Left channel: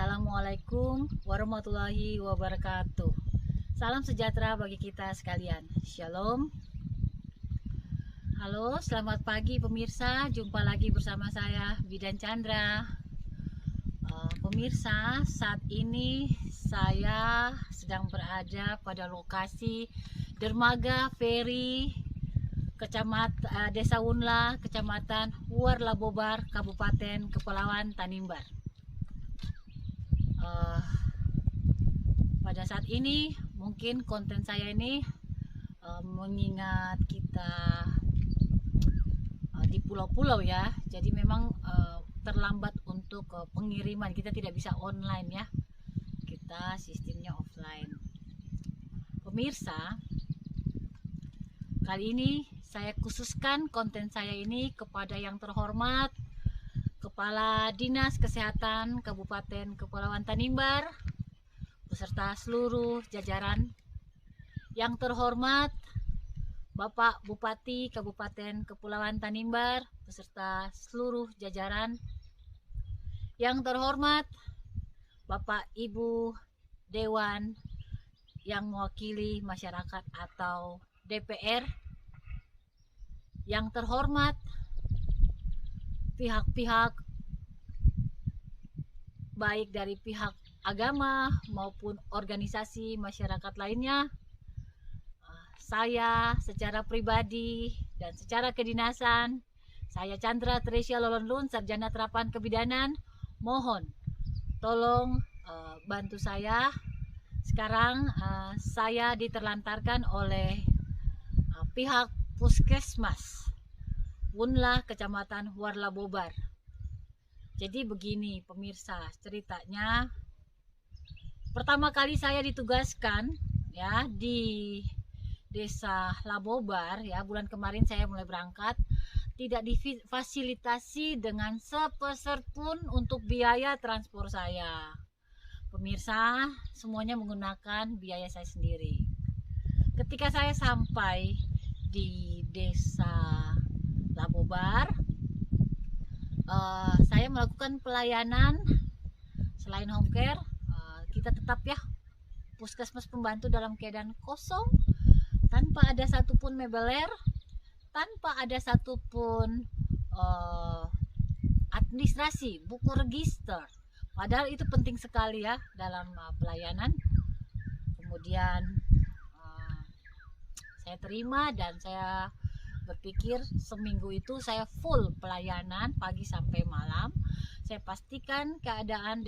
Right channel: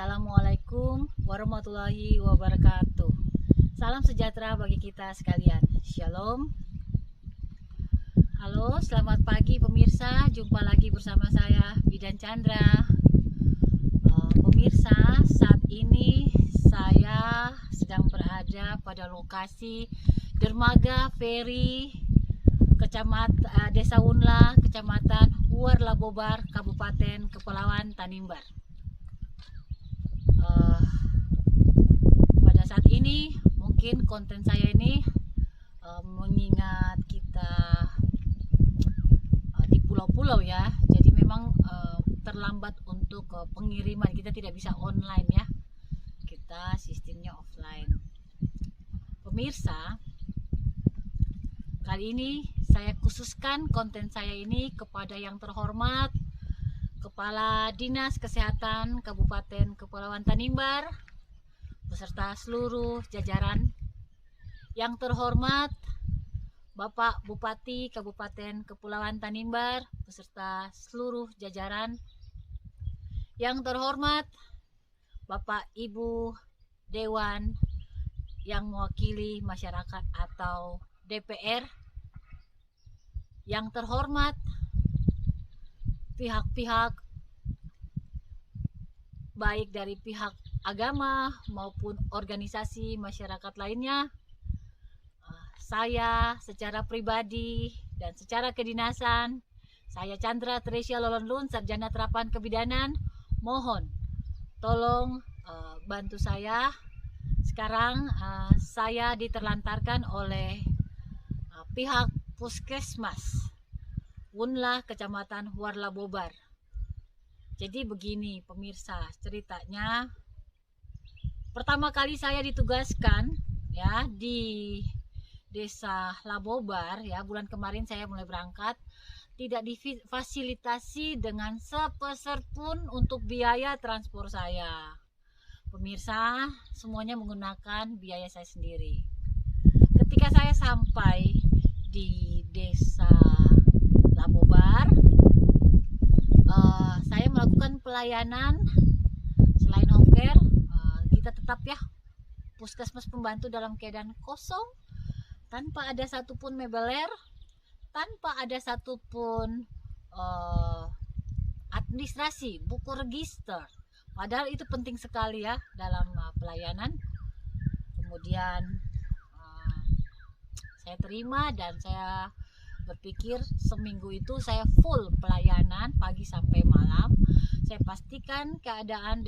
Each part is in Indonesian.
Assalamualaikum warahmatullahi wabarakatuh. Salam sejahtera bagi kita sekalian. Shalom. Halo, selamat pagi pemirsa. Jumpa lagi bersama saya Bidan Chandra. Pemirsa, saat ini saya sedang berada pada lokasi dermaga feri Desa Wunla, Kecamatan Huarlabobar, Kabupaten Kepulauan Tanimbar. Pada saat ini mungkin konten saya ini mengingat kita di pulau-pulau ya, jadi memang terlambat untuk pengiriman, kita tidak bisa online ya, kita sistemnya offline. Pemirsa, kali ini saya khususkan konten saya ini kepada yang terhormat Kepala Dinas Kesehatan Kabupaten Kepulauan Tanimbar beserta seluruh jajaran. Yang terhormat Bapak Bupati Kabupaten Kepulauan Tanimbar beserta seluruh jajaran. Yang terhormat Bapak Ibu Dewan yang mewakili masyarakat atau DPR. Yang terhormat pihak-pihak baik dari pihak agama maupun organisasi masyarakat lainnya. Saya secara pribadi dan secara kedinasan, saya Chandra Tresia Lolonlun, Sarjana Terapan Kebidanan, mohon tolong bantu saya. Sekarang saya diterlantarkan oleh pihak Puskesmas Wunla, Kecamatan Huarlabobar. Jadi begini pemirsa, ceritanya pertama kali saya ditugaskan ya di Desa Labobar ya, bulan kemarin saya mulai berangkat, tidak difasilitasi dengan sepeser pun untuk biaya transport saya. Pemirsa, semuanya menggunakan biaya saya sendiri. Ketika saya sampai di Desa Labobar, saya melakukan pelayanan selain home care, kita tetap ya puskesmas pembantu dalam keadaan kosong, tanpa ada satupun mebeler, tanpa ada satupun administrasi, buku register. Padahal itu penting sekali ya dalam pelayanan. Kemudian saya terima dan saya berpikir seminggu itu saya full pelayanan pagi sampai malam. Saya pastikan keadaan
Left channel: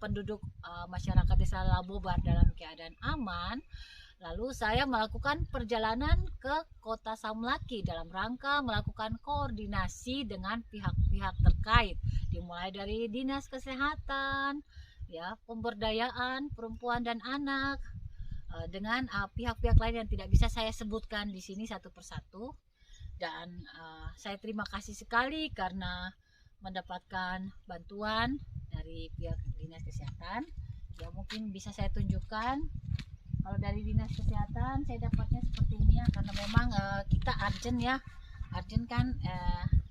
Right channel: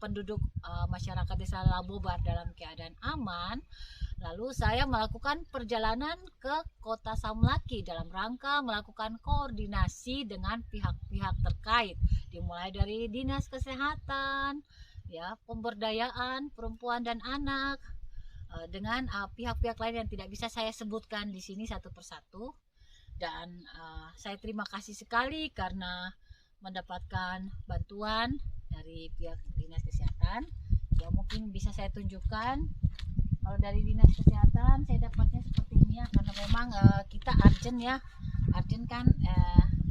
penduduk masyarakat Desa Labobar dalam keadaan aman. Lalu saya melakukan perjalanan ke Kota Samlaki dalam rangka melakukan koordinasi dengan pihak-pihak terkait, dimulai dari Dinas Kesehatan, ya, pemberdayaan perempuan dan anak, dengan pihak-pihak lain yang tidak bisa saya sebutkan di sini satu persatu. Dan saya terima kasih sekali karena mendapatkan bantuan dari pihak Dinas Kesehatan. Ya, mungkin bisa saya tunjukkan. Kalau dari Dinas Kesehatan saya dapatnya seperti ini ya, karena memang kita urgent ya, urgent kan,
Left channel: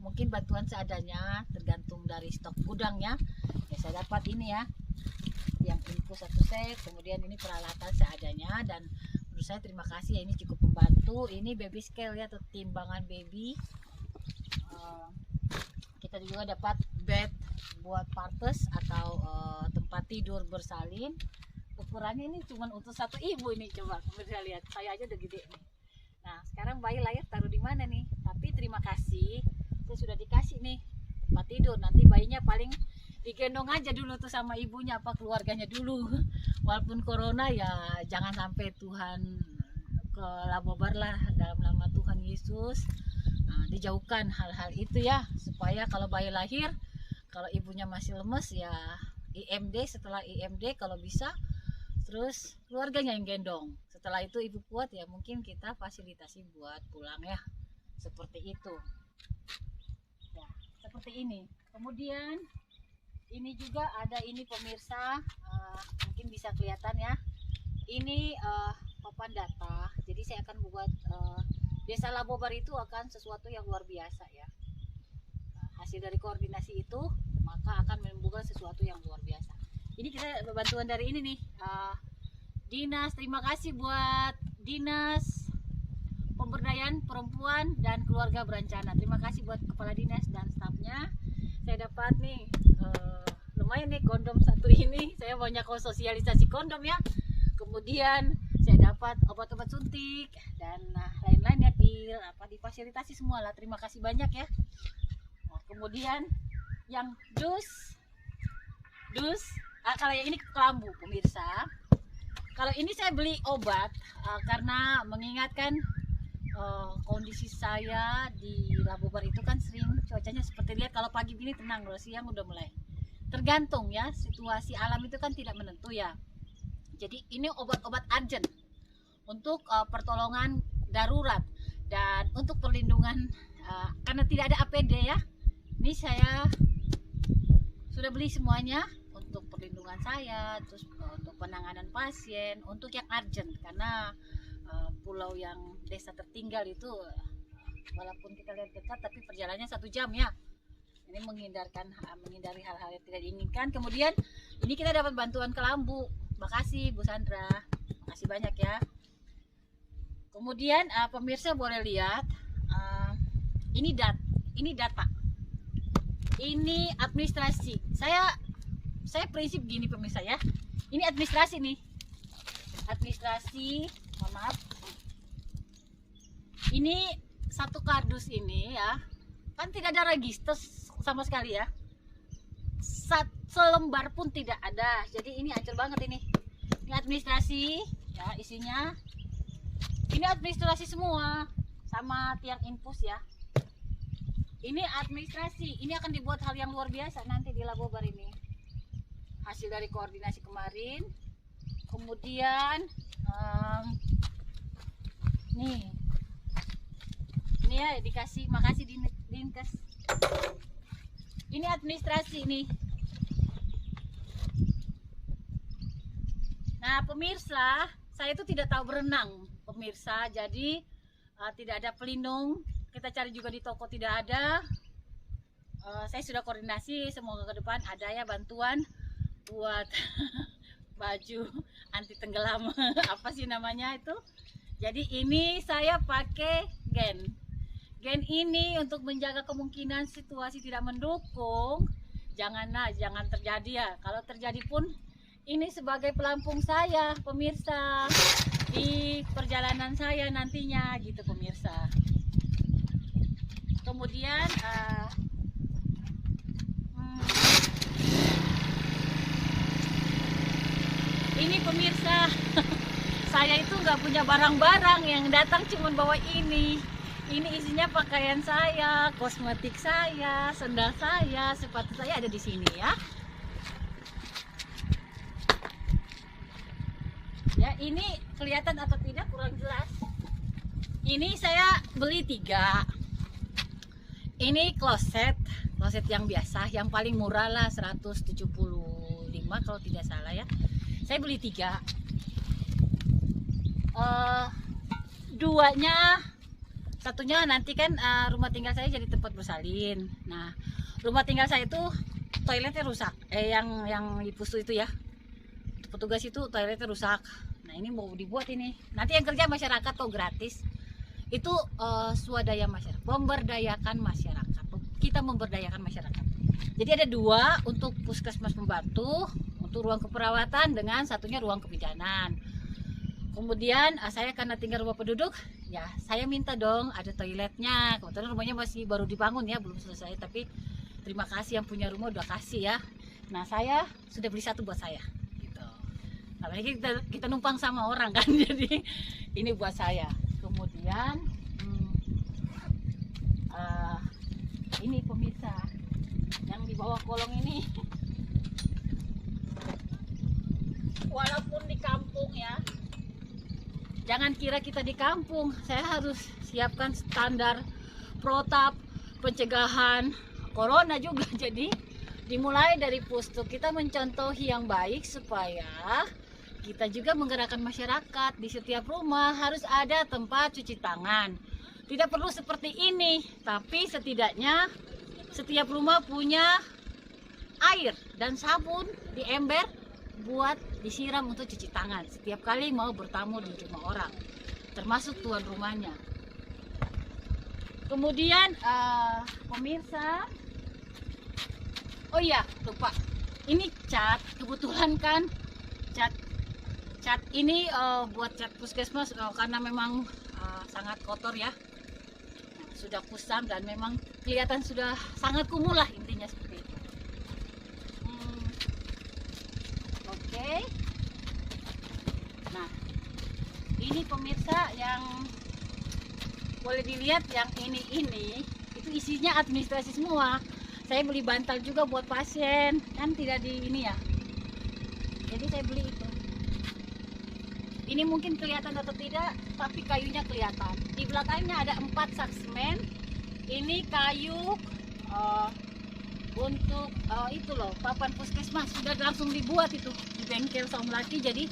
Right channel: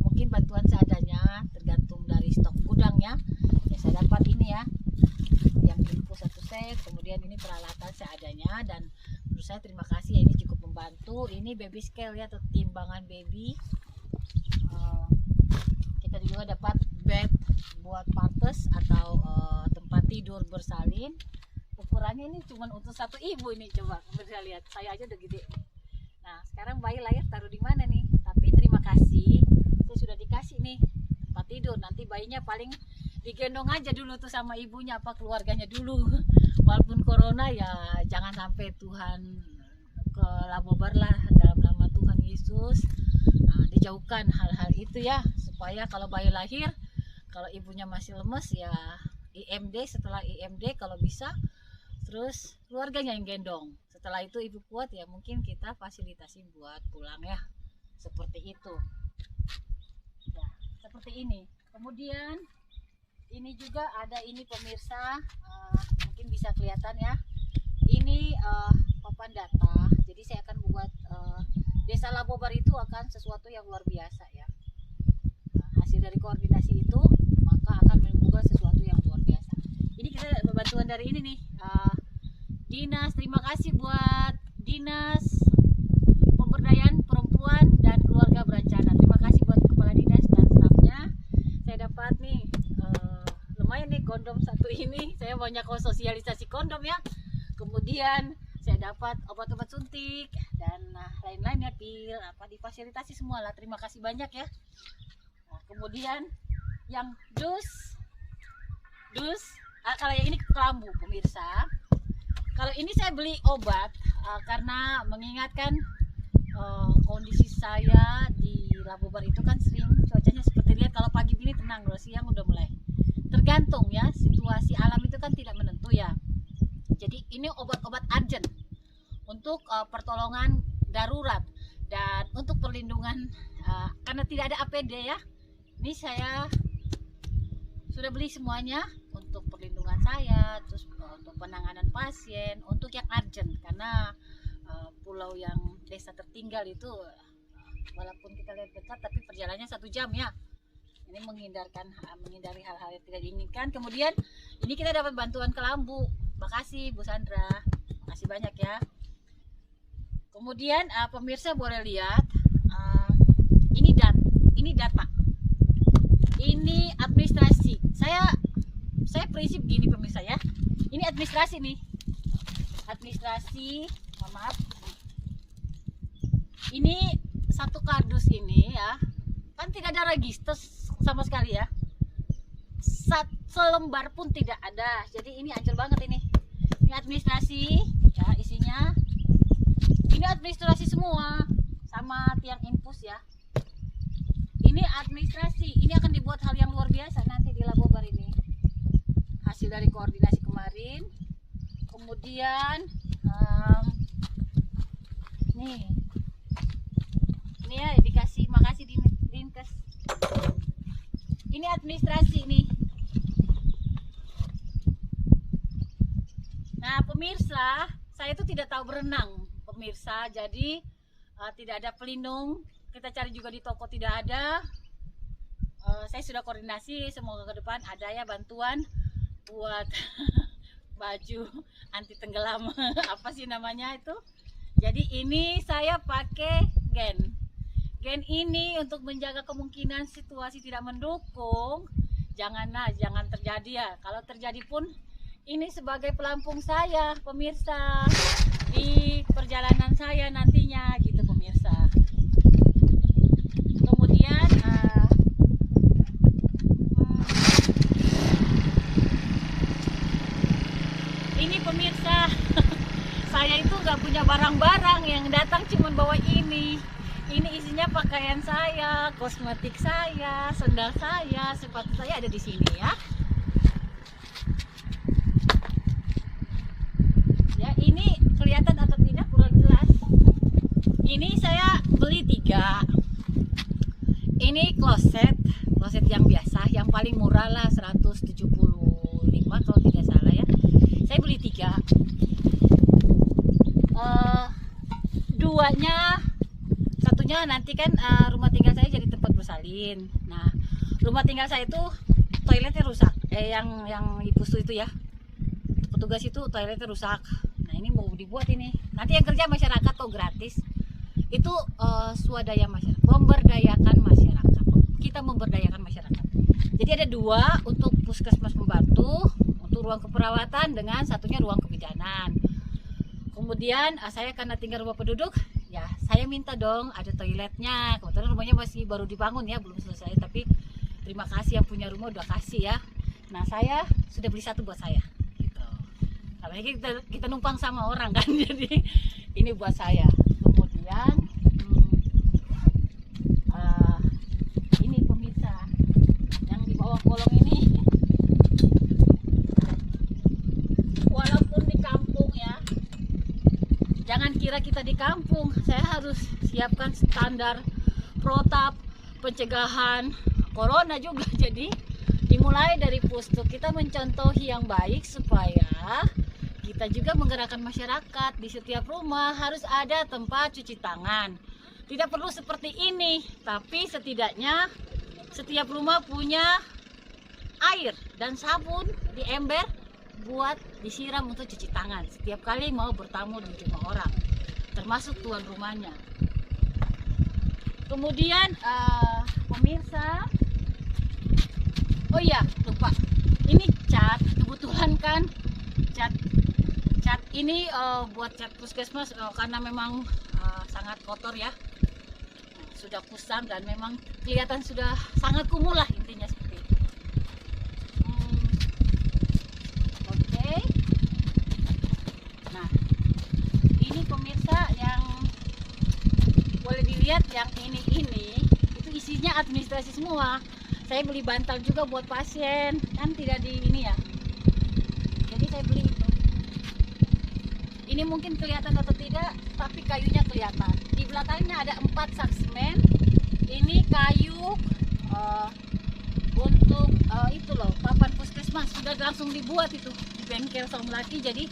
mungkin bantuan seadanya tergantung dari stok gudang ya. Ya, saya dapat ini ya, yang info satu set, kemudian ini peralatan seadanya, dan menurut saya terima kasih ya, ini cukup membantu. Ini baby scale ya, atau timbangan baby. Kita juga dapat bed buat partes atau tempat tidur bersalin. Ukurannya ini cuma untuk satu ibu ini, coba bisa lihat, saya aja udah gede nih. Nah, sekarang bayi lahir taruh di mana nih? Tapi terima kasih, saya sudah dikasih nih tempat tidur. Nanti bayinya paling digendong aja dulu tuh sama ibunya apa keluarganya dulu. Walaupun corona ya jangan sampai Tuhan ke Labobar lah, dalam nama Tuhan Yesus. Dijauhkan hal-hal itu ya, supaya kalau bayi lahir, kalau ibunya masih lemes ya IMD, setelah IMD kalau bisa, terus keluarganya yang gendong. Setelah itu ibu kuat ya mungkin kita fasilitasi buat pulang ya, seperti itu ya, seperti ini. Kemudian ini juga ada ini pemirsa, mungkin bisa kelihatan ya, ini papan data. Jadi saya akan buat Desa Labobar itu akan sesuatu yang luar biasa ya. Hasil dari koordinasi itu maka akan menimbulkan sesuatu yang luar biasa. saya bantuan dari ini nih, dinas. Terima kasih buat dinas pemberdayaan perempuan dan keluarga berencana. Terima kasih buat kepala dinas dan stafnya. Saya dapat nih lumayan nih kondom satu ini. Saya banyak sosialisasi kondom ya. Kemudian saya dapat obat-obat suntik dan lain-lain ya, pil difasilitasi semua lah. Terima kasih banyak ya. Nah, kemudian yang dus kalau yang ini kelambu pemirsa. Kalau ini saya beli obat karena mengingatkan kondisi saya di Labobar itu kan sering cuacanya seperti lihat, kalau pagi gini tenang loh, siang udah mulai tergantung ya, situasi alam itu kan tidak menentu ya. Jadi ini obat-obat urgent untuk pertolongan darurat dan untuk perlindungan karena tidak ada APD ya. Ini saya sudah beli semuanya untuk perlindungan saya, terus untuk penanganan pasien, untuk yang urgent karena pulau yang desa tertinggal itu walaupun kita lihat dekat tapi perjalanannya 1 jam ya. Ini menghindari hal-hal yang tidak diinginkan. Kemudian ini kita dapat bantuan kelambu. Makasih Bu Sandra, makasih banyak ya. Kemudian pemirsa boleh lihat ini data, ini administrasi. Saya prinsip gini pemirsa ya. Ini administrasi nih, administrasi. Mohon maaf. Ini satu kardus ini ya, kan tidak ada register sama sekali ya. Selembar pun tidak ada. Jadi ini ancur banget ini. Ini administrasi ya isinya. Ini administrasi semua sama tiang infus ya. Ini administrasi. Ini akan dibuat hal yang luar biasa nanti di Labobar ini. Hasil dari koordinasi kemarin. Kemudian nih. Ini ya dikasih, makasih Dinkes. Ini administrasi nih. Nah pemirsa, saya itu tidak tahu berenang pemirsa, jadi tidak ada pelindung. Kita cari juga di toko tidak ada. Saya sudah koordinasi, semoga ke depan ada ya bantuan buat baju anti tenggelam apa sih namanya itu. Jadi ini saya pakai gen ini untuk menjaga kemungkinan situasi tidak mendukung. Jangan terjadi ya. Kalau terjadi pun ini sebagai pelampung saya pemirsa di perjalanan saya nantinya gitu pemirsa. Kemudian ini pemirsa saya itu nggak punya barang-barang, yang datang cuma bawa ini isinya pakaian saya, kosmetik saya, sendal saya, sepatu saya ada di sini ya. Ya ini kelihatan atau tidak kurang jelas. Ini saya beli 3. Ini kloset yang biasa, yang paling murah lah 175 kalau tidak salah ya. Saya beli 3. Satunya nanti kan rumah tinggal saya jadi tempat bersalin. Nah rumah tinggal saya itu toiletnya rusak, yang di pustu itu ya, petugas itu toiletnya rusak. Nah ini mau dibuat ini, nanti yang kerja masyarakat kok gratis. Itu swadaya masyarakat, memberdayakan masyarakat. Kita memberdayakan masyarakat. Jadi ada 2 untuk puskesmas membantu, untuk ruang keperawatan dengan satunya ruang kebidanan. Kemudian saya karena tinggal rumah penduduk, ya saya minta dong ada toiletnya. Kebetulan rumahnya masih baru dibangun ya, belum selesai. Tapi terima kasih yang punya rumah udah kasih ya. Nah saya sudah beli 1 buat saya. Gitu. Apalagi kita numpang sama orang kan, jadi ini buat saya. Kemudian ini pemirsa yang di bawah kolong ini, walaupun di kampung ya, jangan kira kita di kampung, saya harus siapkan standar protap pencegahan corona juga. Jadi dimulai dari pustu kita mencontohi yang baik supaya kita juga menggerakkan masyarakat. Di setiap rumah harus ada tempat cuci tangan. Tidak perlu seperti ini, tapi setidaknya setiap rumah punya air dan sabun di ember buat disiram untuk cuci tangan setiap kali mau bertamu di rumah orang, termasuk tuan rumahnya. Kemudian pemirsa, oh iya lupa, ini cat, kebetulan kan cat ini buat cat puskesmas karena memang sangat kotor ya, sudah kusam dan memang kelihatan sudah sangat kumuh lah, intinya seperti itu. Oke. Nah, ini pemirsa yang boleh dilihat, yang ini itu isinya administrasi semua. Saya beli bantal juga buat pasien, kan tidak di ini ya. Jadi saya beli itu. Ini mungkin kelihatan atau tidak, tapi kayunya kelihatan. Di belakangnya ada 4 sak semen. Ini kayu untuk itu loh, papan puskesmas sudah langsung dibuat itu di bengkel Somlaki, jadi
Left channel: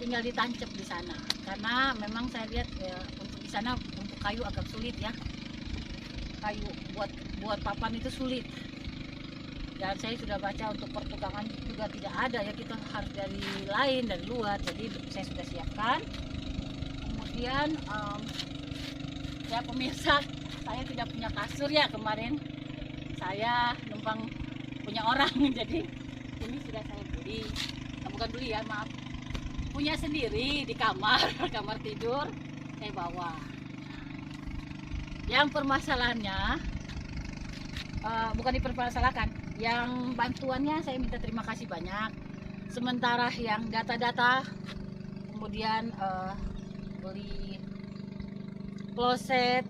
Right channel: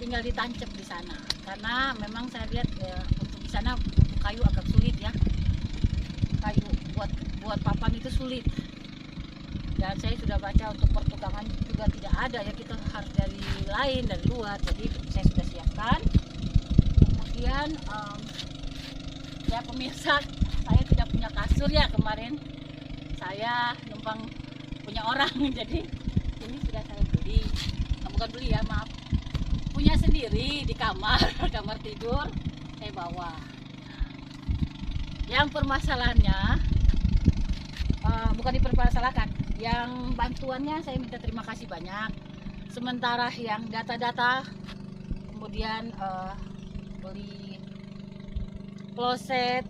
tinggal ditancap di sana. Karena memang saya lihat untuk di sana untuk kayu agak sulit ya. Kayu buat papan itu sulit. Dan saya sudah baca untuk pertukangan juga tidak ada ya, kita harus dari luar, jadi saya sudah siapkan. Kemudian ya pemirsa, saya tidak punya kasur ya, kemarin saya numpang punya orang jadi ini sudah saya beli, bukan beli ya, maaf, punya sendiri di kamar tidur saya bawa. Nah, yang permasalahannya bukan dipermasalahkan, yang bantuannya saya minta terima kasih banyak. Sementara yang data-data, kemudian beli kloset,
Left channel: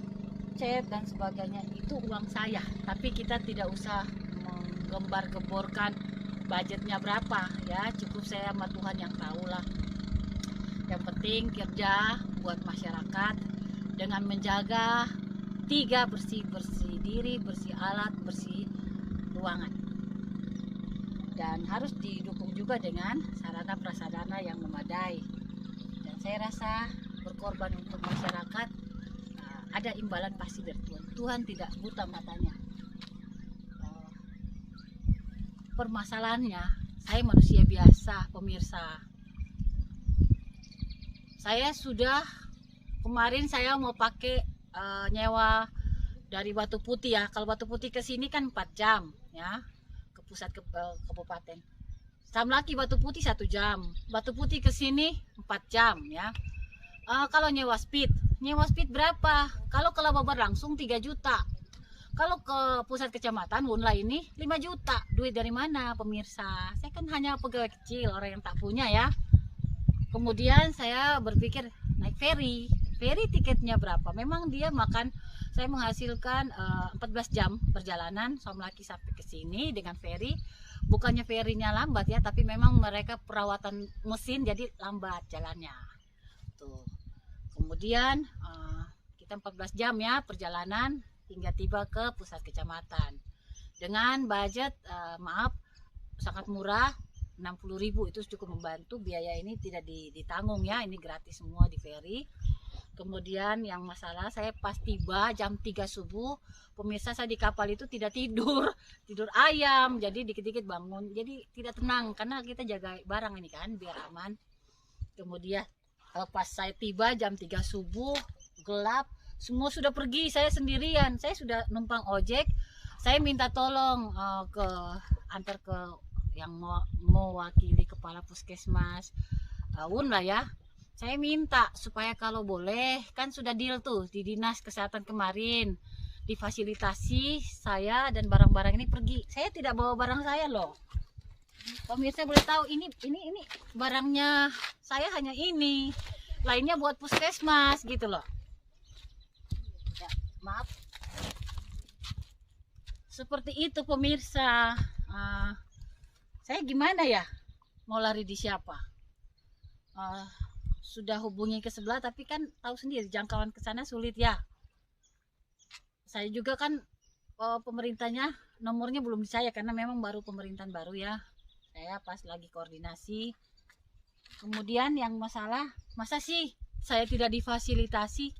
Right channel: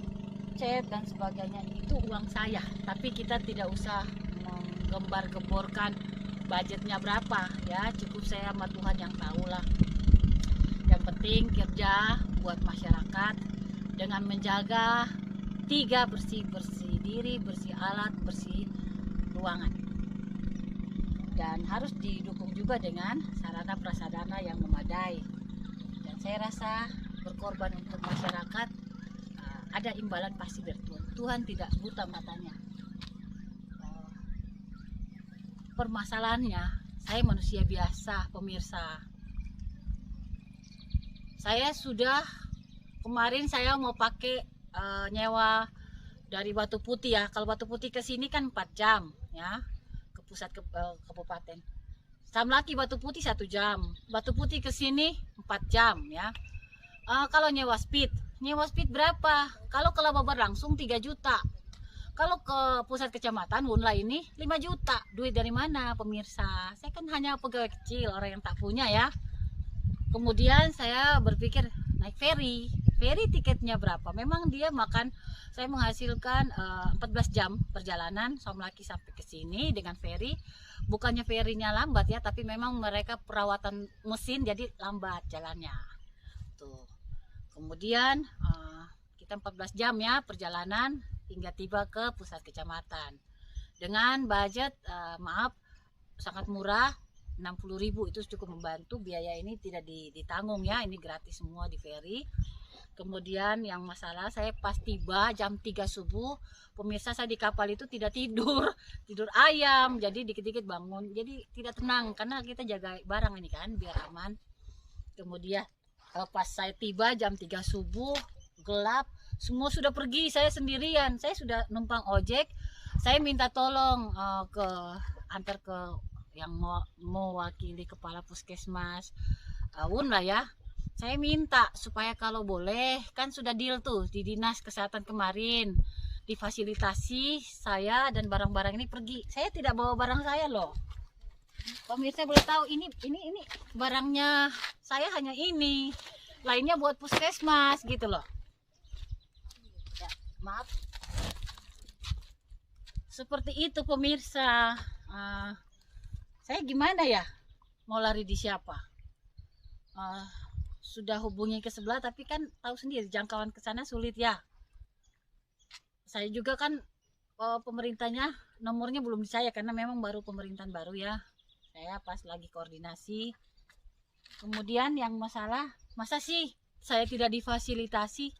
cat dan sebagainya itu uang saya. Tapi kita tidak usah menggembar-gemborkan budgetnya berapa ya, cukup saya sama Tuhan yang tahu lah. Yang penting kerja buat masyarakat dengan menjaga 3 bersih diri, bersih alat, bersih ruangan, dan harus didukung juga dengan sarana prasarana yang memadai. Dan saya rasa berkorban untuk masyarakat ada imbalan pasti dari Tuhan. Tuhan tidak buta matanya. Permasalahannya saya manusia biasa pemirsa. Saya sudah kemarin saya mau pakai nyewa dari Batu Putih ya. Kalau Batu Putih ke sini kan 4 jam ya, ke pusat kabupaten. Somlaki Batu Putih 1 jam, Batu Putih ke sini 4 jam ya. Kalau nyewa speed berapa? Kalau ke Lababar langsung 3 juta. Kalau ke pusat kecamatan Wunla ini 5 juta. Duit dari mana pemirsa? Saya kan hanya pegawai kecil, orang yang tak punya ya. Kemudian saya berpikir naik ferry. Ferry tiketnya berapa? Memang dia makan, saya menghasilkan 14 jam perjalanan Somlaki sampai ke sini dengan ferry. Bukannya ferrynya lambat ya, tapi memang mereka perawatan mesin jadi lambat jalannya. Tuh. Kemudian kita 14 jam ya perjalanan hingga tiba ke pusat kecamatan. Dengan budget maaf sangat murah, 60.000 itu cukup membantu. Biaya ini tidak ditanggung ya, ini gratis semua di ferry. Kemudian yang masalah saya pas tiba jam 3 subuh, pemirsa, saya di kapal itu tidak tidur ayam, jadi dikit-dikit bangun, jadi tidak tenang karena kita jaga barang ini kan biar aman. Kemudian pas saya tiba jam 3 subuh gelap, semua sudah pergi, saya sendirian. Saya sudah numpang ojek, saya minta tolong antar ke yang mewakili kepala puskesmas Wunla ya. Saya minta supaya kalau boleh, kan sudah deal tuh di dinas kesehatan kemarin, difasilitasi saya dan barang-barang ini pergi. Saya tidak bawa barang saya loh. Pemirsa boleh tahu, ini barangnya saya hanya ini, lainnya buat puskesmas gitu loh. Ya, maaf. Seperti itu pemirsa. Saya gimana ya? Mau lari di siapa? Sudah hubungi ke sebelah, tapi kan tahu sendiri jangkauan ke sana sulit ya. Saya juga kan pemerintahnya nomornya belum di saya karena memang baru pemerintahan baru ya. Saya pas lagi koordinasi. Kemudian yang masalah, masa sih saya tidak difasilitasi?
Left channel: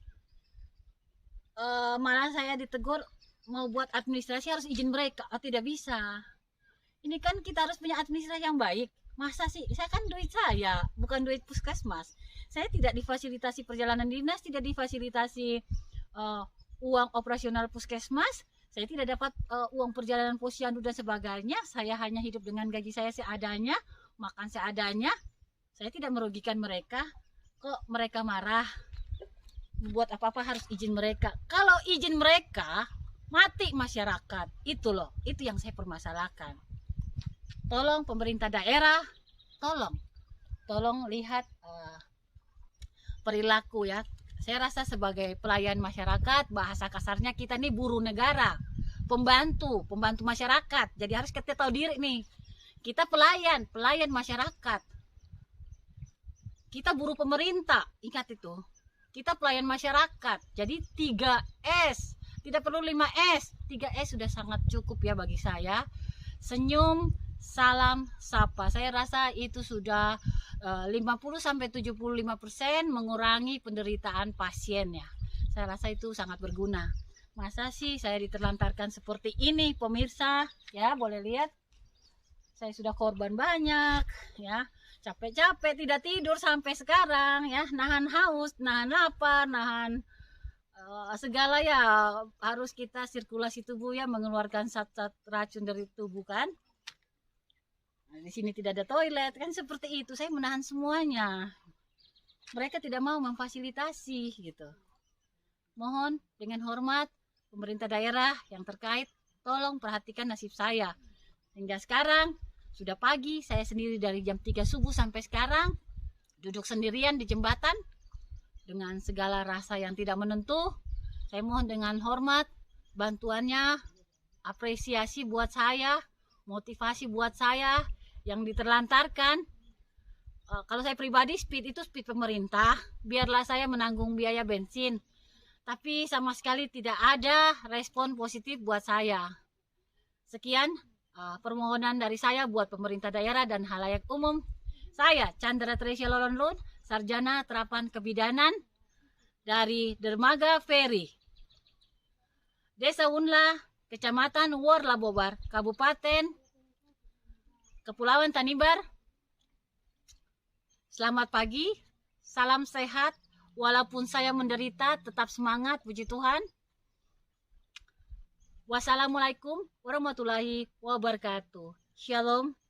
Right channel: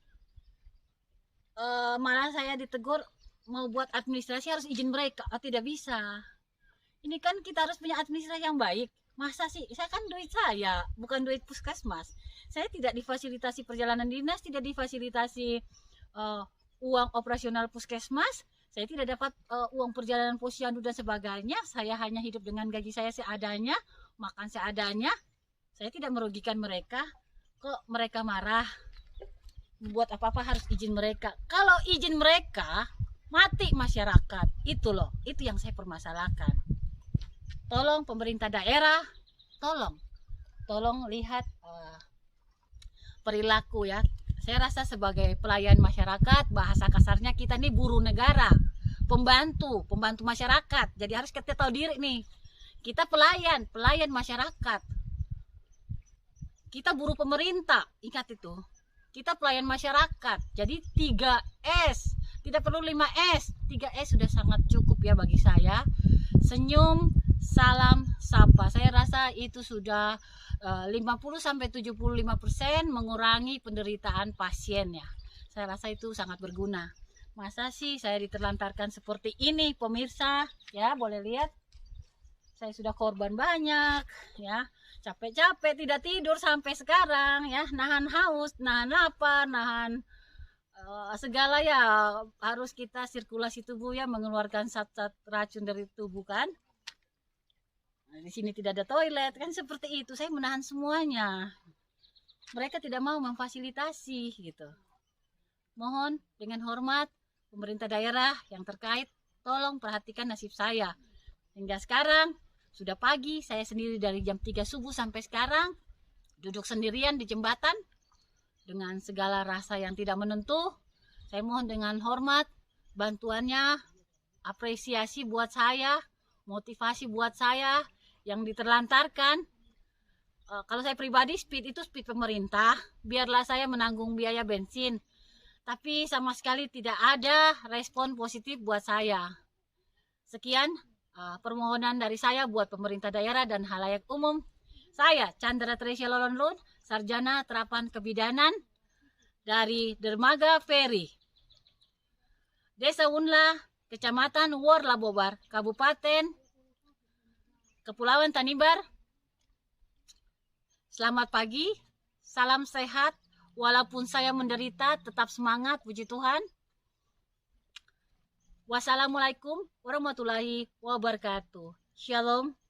Malah saya ditegur mau buat administrasi harus izin mereka. Tidak bisa. Ini kan kita harus punya administrasi yang baik. Masa sih, saya kan duit saya, bukan duit puskesmas. Saya tidak difasilitasi perjalanan dinas, tidak difasilitasi uh, uang operasional puskesmas. Saya tidak dapat uang perjalanan posyandu dan sebagainya. Saya hanya hidup dengan gaji saya seadanya, makan seadanya. Saya tidak merugikan mereka. Kok mereka marah? Buat apa-apa harus izin mereka. Kalau izin mereka, mati masyarakat. Itu loh, itu yang saya permasalahkan. Tolong pemerintah daerah, tolong lihat perilaku ya. Saya rasa sebagai pelayan masyarakat, bahasa kasarnya kita nih buruh negara, pembantu masyarakat. Jadi harus kita tahu diri nih. Kita pelayan masyarakat. Kita buruh pemerintah, ingat itu. Kita pelayan masyarakat. Jadi 3S, tidak perlu 5S. 3S sudah sangat cukup ya bagi saya. Senyum, salam, sapa. Saya rasa itu sudah 50-75% mengurangi penderitaan pasien ya. Saya rasa itu sangat berguna. Masa sih saya diterlantarkan seperti ini, pemirsa? Ya, boleh lihat. Saya sudah korban banyak ya. Capek-capek tidak tidur sampai sekarang ya, nahan haus, nahan lapar, nahan segala ya, harus kita sirkulasi tubuh ya, mengeluarkan zat-zat racun dari tubuh kan. Nah, di sini tidak ada toilet kan, seperti itu. Saya menahan semuanya. Mereka tidak mau memfasilitasi gitu. Mohon dengan hormat pemerintah daerah yang terkait, tolong perhatikan nasib saya. Hingga sekarang sudah pagi, saya sendiri dari jam 3 subuh sampai sekarang duduk sendirian di jembatan dengan segala rasa yang tidak menentu. Saya mohon dengan hormat bantuannya, apresiasi buat saya, motivasi buat saya yang diterlantarkan. Kalau saya pribadi, speed itu speed pemerintah, biarlah saya menanggung biaya bensin. Tapi sama sekali tidak ada respon positif buat saya. Sekian permohonan dari saya buat pemerintah daerah dan halayak umum. Saya Chandra Tresya Lolonlun, Sarjana Terapan Kebidanan dari Dermaga Ferry, Desa Unla, Kecamatan Worlabobar, Kabupaten Kepulauan Tanimbar. Selamat pagi, salam sehat. Walaupun saya menderita, tetap semangat, puji Tuhan. Wassalamualaikum warahmatullahi wabarakatuh. Shalom.